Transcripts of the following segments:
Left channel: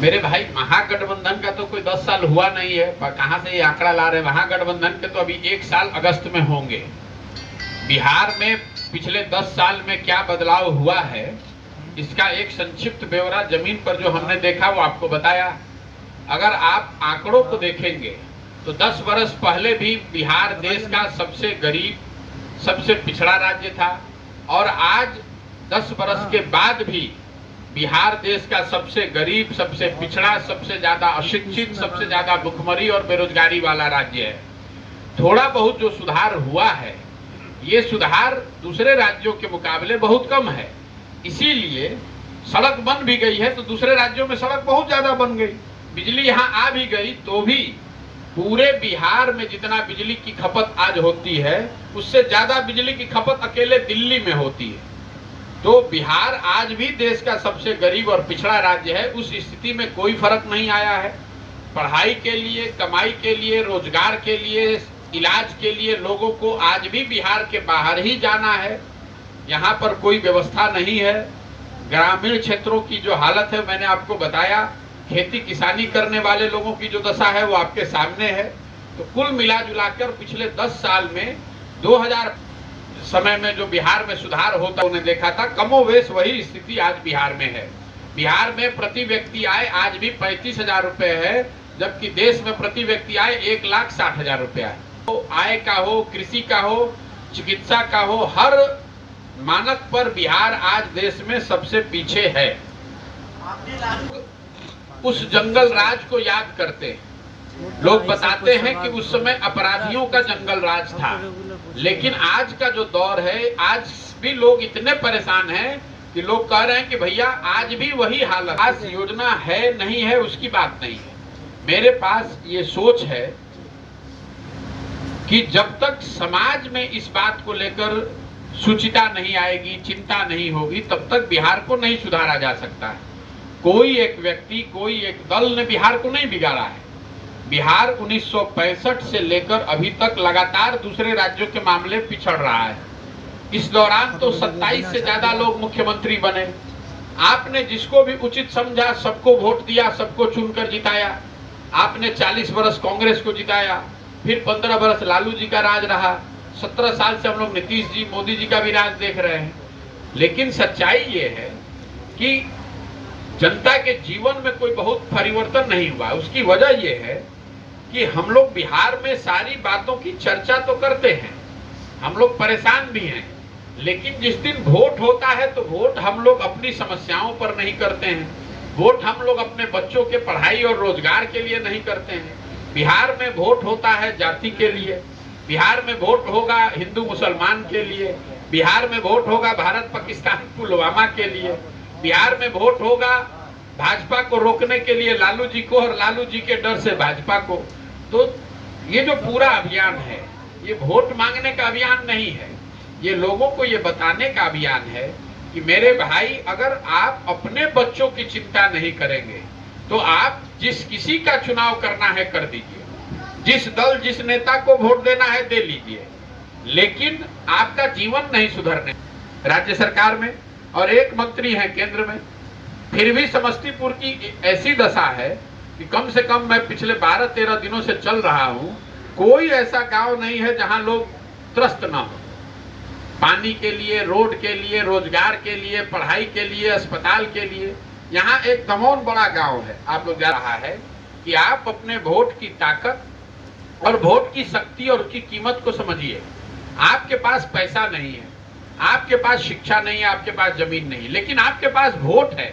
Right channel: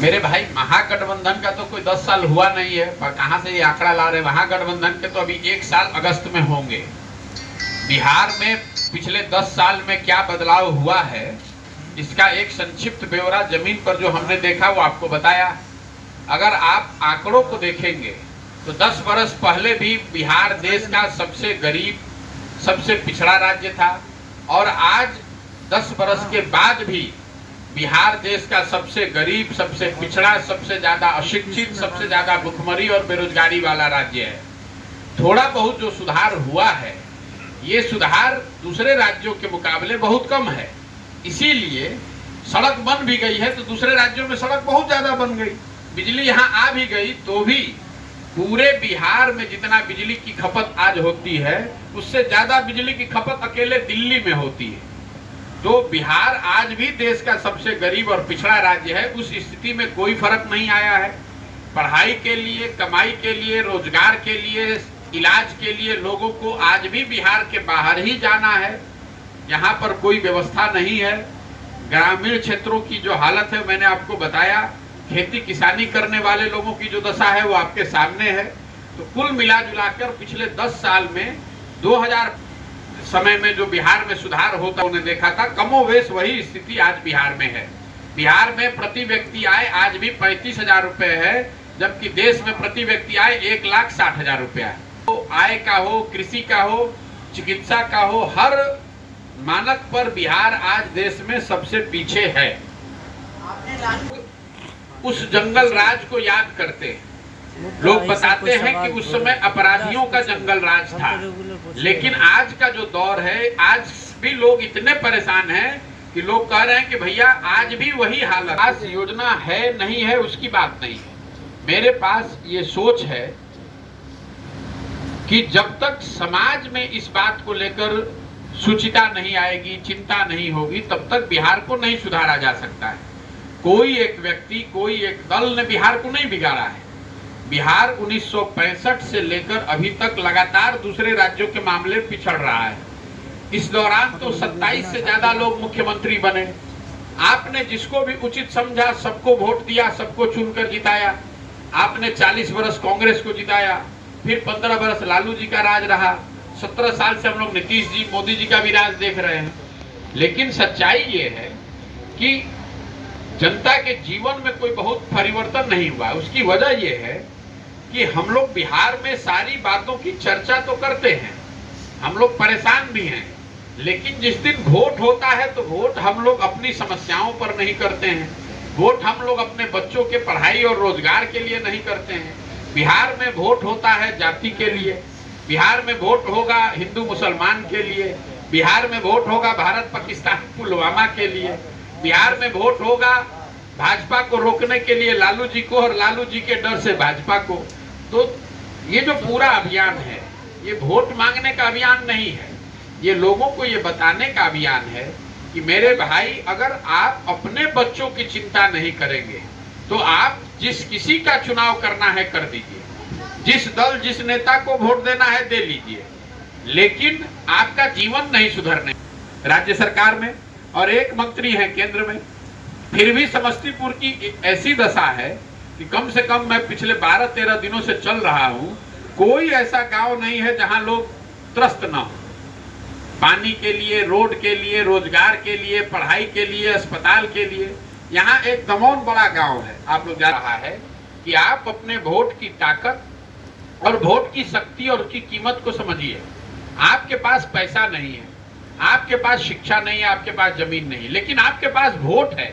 मेरे भाई, महागठबंधन का तो कोई 10 साल हुआ नहीं है, पर कहां से ये आंकड़ा ला रहे हैं? महागठबंधन के तो अभी 1 साल अगस्त में होंगे। बिहार में पिछले 10 साल में क्या बदलाव हुआ है, इसका एक संक्षिप्त ब्यौरा जमीन पर जो हमने देखा वो आपको बताया। अगर आप आंकड़ों को देखेंगे तो 10 वर्ष पहले भी बिहार देश का सबसे गरीब, सबसे पिछड़ा राज्य था, और आज 10 वर्ष के बाद भी बिहार देश का सबसे गरीब, सबसे पिछड़ा, सबसे ज्यादा अशिक्षित, सबसे ज्यादा भुखमरी और बेरोजगारी वाला राज्य है। थोड़ा बहुत जो सुधार हुआ है, ये सुधार दूसरे राज्यों के मुकाबले बहुत कम है। इसीलिए सड़क बन भी गई है तो दूसरे राज्यों में सड़क बहुत ज्यादा बन गई, बिजली यहाँ आ भी गई, तो भी पूरे बिहार में जितना बिजली की खपत आज होती है, उससे ज्यादा बिजली की खपत अकेले दिल्ली में होती है। तो बिहार आज भी देश का सबसे गरीब और पिछड़ा राज्य है। उस स्थिति में कोई फर्क नहीं आया है। पढ़ाई के लिए, कमाई के लिए, रोजगार के लिए, इलाज के लिए लोगों को आज भी बिहार के बाहर ही जाना है। यहाँ पर कोई व्यवस्था नहीं है। ग्रामीण क्षेत्रों की जो हालत है मैंने आपको बताया। खेती किसानी करने वाले लोगों की जो दशा है वो आपके सामने है। तो कुल मिला जुलाकर पिछले 10 साल में 2000 समय में जो बिहार में सुधार होता उन्हें देखा था, कमोवेश वही स्थिति आज बिहार में है। बिहार में प्रति व्यक्ति आय आज भी 35,000 रुपए है, जबकि देश में प्रति व्यक्ति आय 1,60,000 रुपया है। तो आय का हो, कृषि का हो, चिकित्सा का हो, हर मानक पर बिहार आज देश में सबसे पीछे है। उस जंगल राज को याद करते हैं। लोग बताते हैं कि उस समय अपराधियों का जंगल राज था, लेकिन आज का जो दौर है, आज भी लोग इतने परेशान हैं कि लोग कह रहे हैं कि भैया आज भी वही हालत। आज योजना है नहीं है उसकी बात नहीं है। मेरे पास ये सोच है कि जब तक समाज में इस बात को लेकर सुचिता नहीं आएगी, चिंता नहीं होगी, तब तक बिहार को नहीं सुधारा जा सकता है। कोई एक व्यक्ति, कोई एक दल ने बिहार को नहीं बिगाड़ा है। बिहार 1965 से लेकर अभी तक लगातार दूसरे राज्यों के मामले पिछड़ रहा है। इस दौरान तो 27 से ज्यादा लोग मुख्यमंत्री बने। आपने जिसको भी उचित समझा सबको वोट दिया, सबको चुनकर जिताया। आपने 40 वर्ष कांग्रेस को जिताया, फिर 15 वर्ष लालू जी का राज रहा। 17 साल से हम लोग नीतीश जी, मोदी जी का भी राज देख रहे हैं। लेकिन सच्चाई ये है कि जनता के जीवन में कोई बहुत परिवर्तन नहीं हुआ। उसकी वजह यह है कि हम लोग बिहार में सारी बातों की चर्चा तो करते हैं, हम लोग परेशान भी हैं, लेकिन जिस दिन वोट होता है तो वोट हम लोग अपनी समस्याओं पर नहीं करते हैं। वोट हम लोग अपने बच्चों के पढ़ाई और रोजगार के लिए नहीं करते हैं। बिहार में वोट होता है जाति के लिए, बिहार में वोट होगा हिंदू मुसलमान के लिए, बिहार में वोट होगा भारत पाकिस्तान पुलवामा के लिए, बिहार में वोट होगा भाजपा को रोकने के लिए लालू जी को, और लालू जी के डर से भाजपा को। तो ये जो पूरा अभियान है, ये वोट मांगने का अभियान नहीं है, ये लोगों को ये बताने का अभियान है कि मेरे भाई, अगर आप अपने बच्चों की चिंता नहीं करेंगे तो आप जिस किसी का चुनाव करना है कर दीजिए, जिस दल, जिस नेता को वोट देना है दे लीजिए, लेकिन आपका जीवन नहीं सुधरने। राज्य सरकार में और एक मंत्री है केंद्र में, फिर भी समस्तीपुर की ऐसी दशा है कि कम से कम मैं पिछले 12-13 दिनों से चल रहा हूं, कोई ऐसा गांव नहीं है जहां लोग त्रस्त ना हो। पानी के लिए, रोड के लिए, रोजगार के लिए, पढ़ाई के लिए, अस्पताल के लिए। यहाँ एक तमोन बड़ा गांव है। आप लोग जा रहा है कि आप अपने वोट की ताकत और वोट की शक्ति और उसकी कीमत को समझिए। आपके पास पैसा नहीं है, आपके पास शिक्षा नहीं है, आपके पास जमीन नहीं, लेकिन आपके पास वोट है।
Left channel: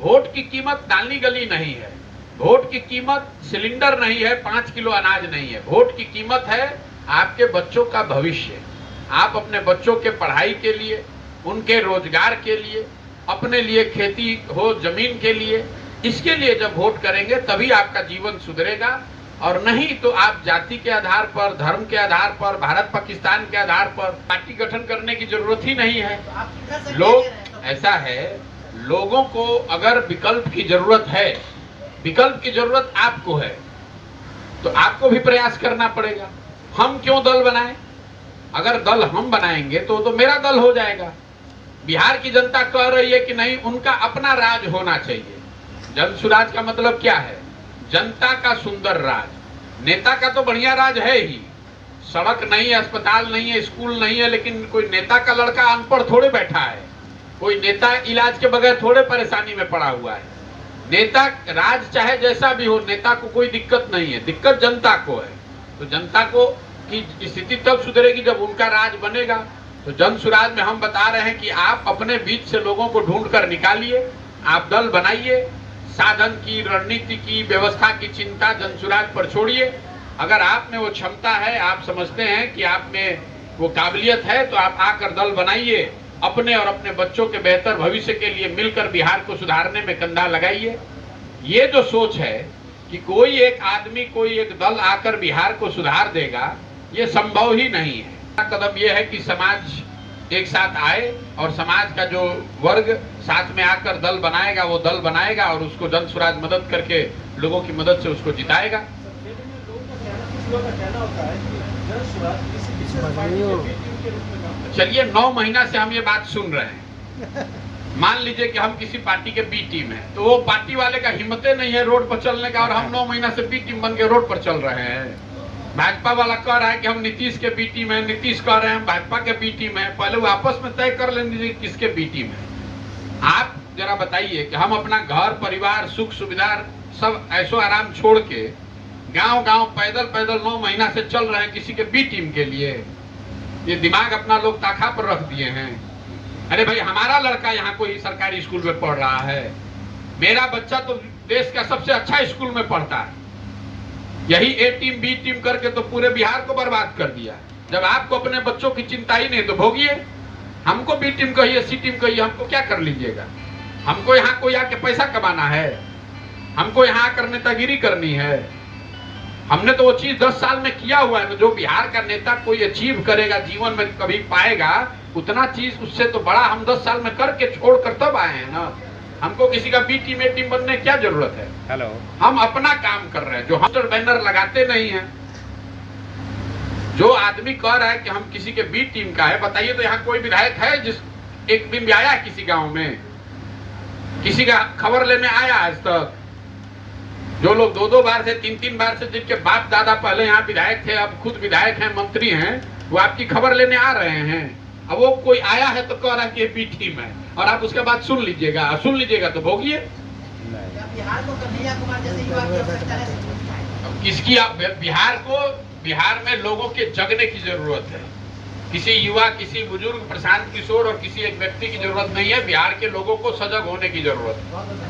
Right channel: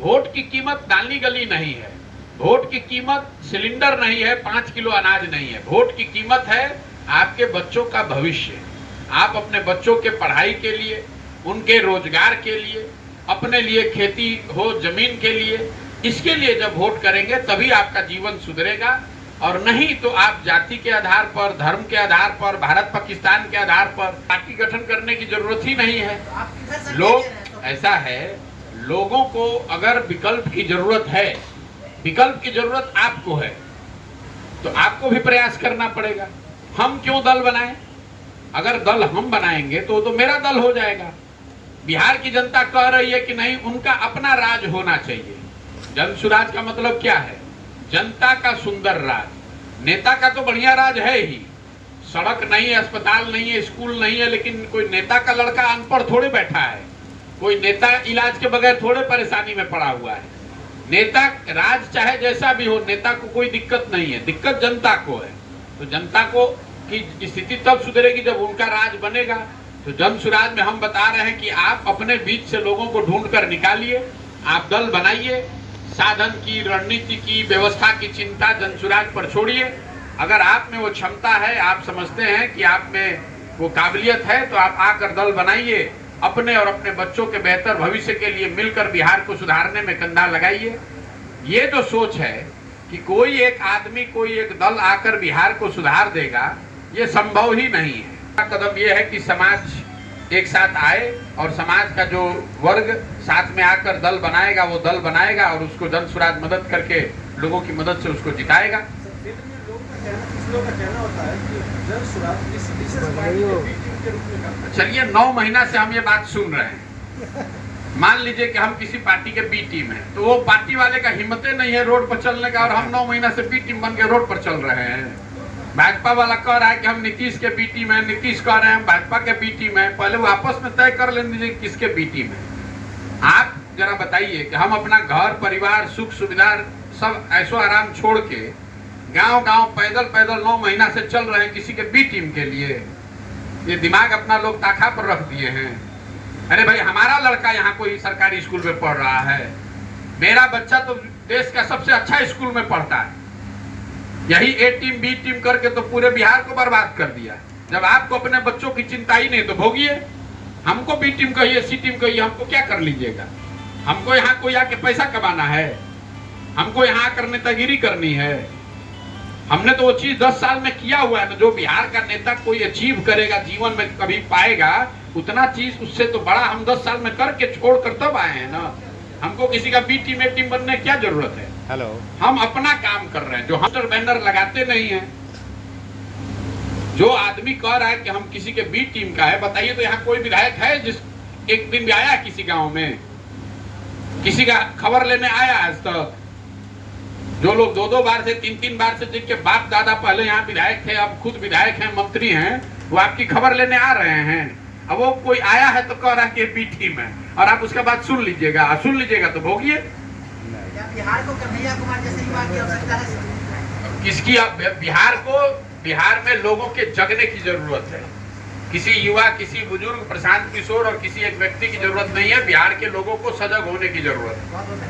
वोट की कीमत नाली गली नहीं है, वोट की कीमत सिलेंडर नहीं है, 5 किलो अनाज नहीं है। वोट की कीमत है आपके बच्चों का भविष्य। आप अपने बच्चों के पढ़ाई के लिए, उनके रोजगार के लिए, अपने लिए खेती हो, जमीन के लिए, इसके लिए जब वोट करेंगे तभी आपका जीवन सुधरेगा। और नहीं तो आप जाति के आधार पर, धर्म के आधार पर, भारत पाकिस्तान के आधार पर पार्टी गठन करने की जरूरत ही नहीं है। लोग ऐसा है, लोगों को अगर विकल्प की जरूरत है, विकल्प की जरूरत आपको है, तो आपको भी प्रयास करना पड़ेगा। हम क्यों दल बनाएं? अगर दल हम बनाएंगे तो मेरा दल हो जाएगा। बिहार की जनता कह रही है कि नहीं, उनका अपना राज होना चाहिए। जन सुराज का मतलब क्या है? जनता का सुंदर राज। नेता का तो बढ़िया राज है ही, सड़क नहीं है, अस्पताल नहीं है, स्कूल नहीं है, लेकिन कोई नेता का लड़का अनपढ़ थोड़े बैठा है, कोई नेता इलाज के बगैर थोड़े परेशानी में पड़ा हुआ है। नेता राज चाहे जैसा भी हो, नेता को कोई दिक्कत नहीं है, दिक्कत जनता को है। तो जनता को की स्थिति तब सुधरेगी जब उनका राज बनेगा। तो जन सुराज में हम बता रहे हैं कि आप अपने बीच से लोगों को ढूंढ कर निकालिए, आप दल बनाइए, साधन की, रणनीति की, व्यवस्था की चिंता जन सुराज पर छोड़िए। अगर आप में वो क्षमता है, आप समझते हैं कि आप में वो काबिलियत है, तो आप आकर दल बनाइए, अपने और अपने बच्चों के बेहतर भविष्य के लिए मिलकर बिहार को सुधारने में कंधा लगाइए। ये जो सोच है कि कोई एक आदमी, कोई एक दल आकर बिहार को सुधार देगा, ये संभव ही नहीं है। कदम ये है कि समाज एक साथ आए और समाज का जो वर्ग साथ में आकर दल बनाएगा, वो दल बनाएगा और उसको जन सुराज मदद करके लोगों की मदद से उसको जिताएगा। चलिए 9 महीना से हम ये बात सुन रहे हैं। मान लीजिए कि हम किसी पार्टी के बी टीम है, तो वो पार्टी वाले का हिम्मत नहीं है रोड पर चलने का, और हम 9 महीना से बी टीम बन के रोड पर चल रहे हैं। भाजपा वाला कह रहा है कि हम नीतीश के बी टीम है, नीतीश कह रहे हैं भाजपा के बी टीम है। पहले वो आपस में तय कर लेंगे किसके बी टीम है। आप जरा बताइए कि हम अपना घर परिवार, सुख सुविधा सब ऐसो आराम छोड़ के गांव गांव पैदल पैदल 9 महीना से चल रहे हैं किसी के बी टीम के लिए। ये दिमाग अपना लोग ताखा पर रख दिए हैं। अरे भाई, हमारा लड़का यहाँ कोई सरकारी स्कूल में पढ़ रहा है, मेरा बच्चा तो देश का सबसे अच्छा स्कूल में पढ़ता है। यही ए टीम बी टीम करके तो पूरे बिहार को बर्बाद कर दिया। जब आपको अपने बच्चों की चिंता ही नहीं तो भोगिए। हमको बी टीम कहिए, सी टीम कहिए, हमको क्या कर लीजिएगा? हमको यहाँ कोई आके पैसा कमाना है, हमको यहाँ आकर नेतागिरी करनी है। हमने तो वो चीज 10 साल में किया हुआ है। जो बिहार का नेता कोई अचीव करेगा जीवन में कभी पाएगा, उतना चीज उससे तो बड़ा हम 10 साल में करके छोड़ कर तब आए हैं ना। हमको किसी का बी टीम ए टीम बनने की क्या जरूरत है? हेलो, हम अपना काम कर रहे हैं। जो हम बैनर लगाते नहीं है, जो आदमी कह रहा है कि हम किसी के बी टीम का है, बताइए तो यहाँ कोई विधायक है जिस एक दिन भी आया किसी गांव में, किसी का खबर लेने आया आज तक? जो लोग 2-2 बार से 3-3 बार से, जिनके बाप दादा पहले यहाँ विधायक थे, अब खुद विधायक हैं, मंत्री हैं, वो आपकी खबर लेने आ रहे हैं। अब वो कोई आया है तो कह रहा है कि बी टीम है, और आप उसके बाद सुन लीजिएगा, सुन लीजिएगा तो भोगिए। बिहार को कन्हैया कुमार जैसे युवा की आवश्यकता है। किसकी? बिहार में लोगों के जगने की जरूरत है। किसी युवा, किसी बुजुर्ग, प्रशांत किशोर और किसी एक व्यक्ति की जरूरत नहीं है। बिहार के लोगों को सजग होने की जरूरत है।